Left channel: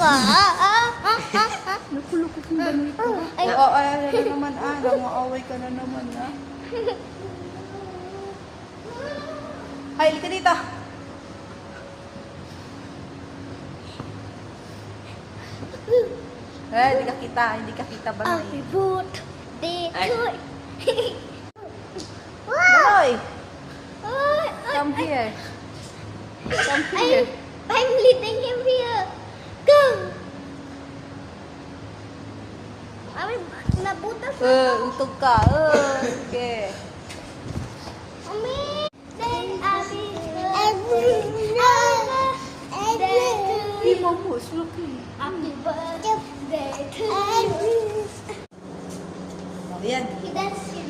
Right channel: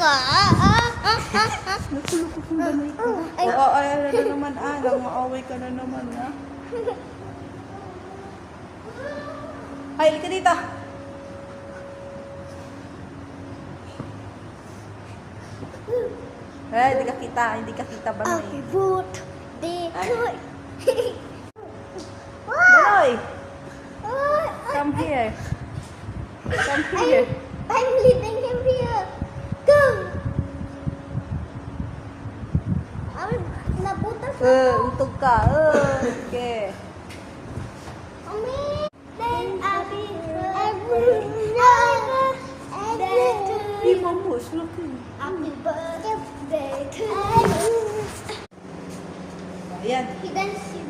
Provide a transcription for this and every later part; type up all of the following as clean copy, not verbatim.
ka. Nakulukot mo ba nito? Ay, na naman. Namaaway ka na naman, ha? Hay, ka dito. Hindi ka kita ba? Happy birthday to Banoy, come here. Come here. I'm leading him here. Go. Ay, nabutas ako. Untog ka. Okay. Mami. Happy birthday to Hey, you. Mamos, okay. Happy birthday to you. Ayan. He danced yun.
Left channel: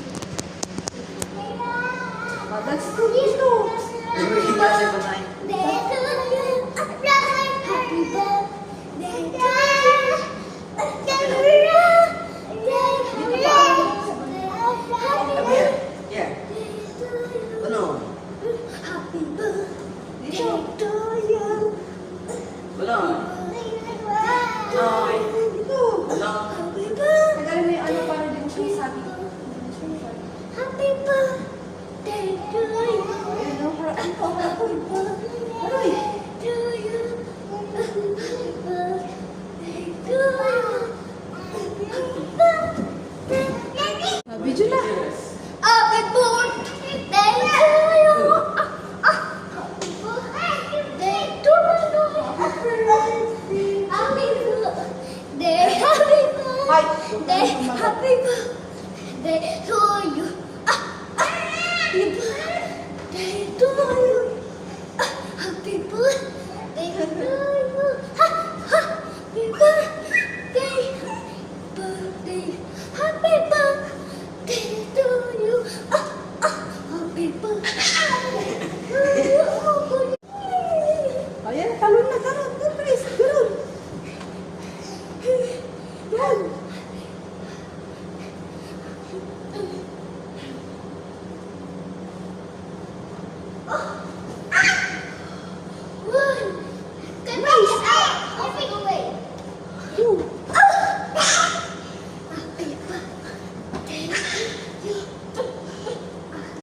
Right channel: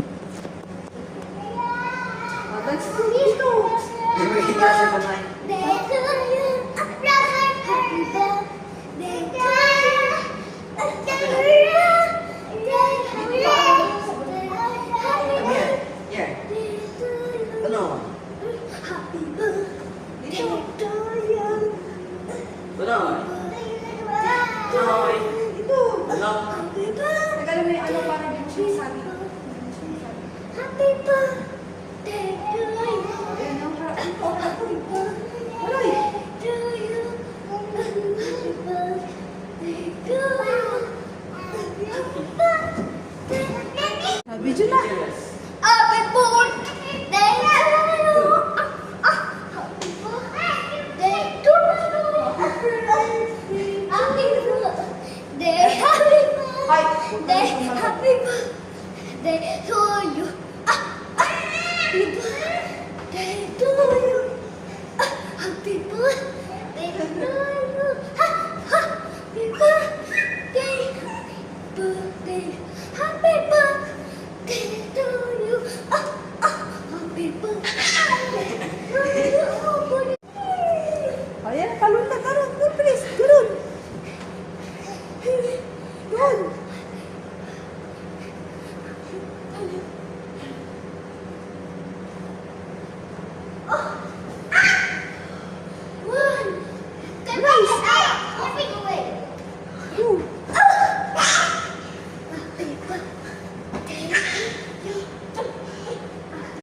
That's good, you know. Happy birthday to you. Happy birthday to you. Happy birthday to you. Tagalin mo yung ano para din siya sabi. Happy birthday to you. Happy birthday to you. Happy birthday to you. Happy birthday. Video na. Happy birthday to you. Happy birthday to you. Happy birthday. Happy birthday. Happy birthday to you. Happy birthday to you. Happy birthday to you.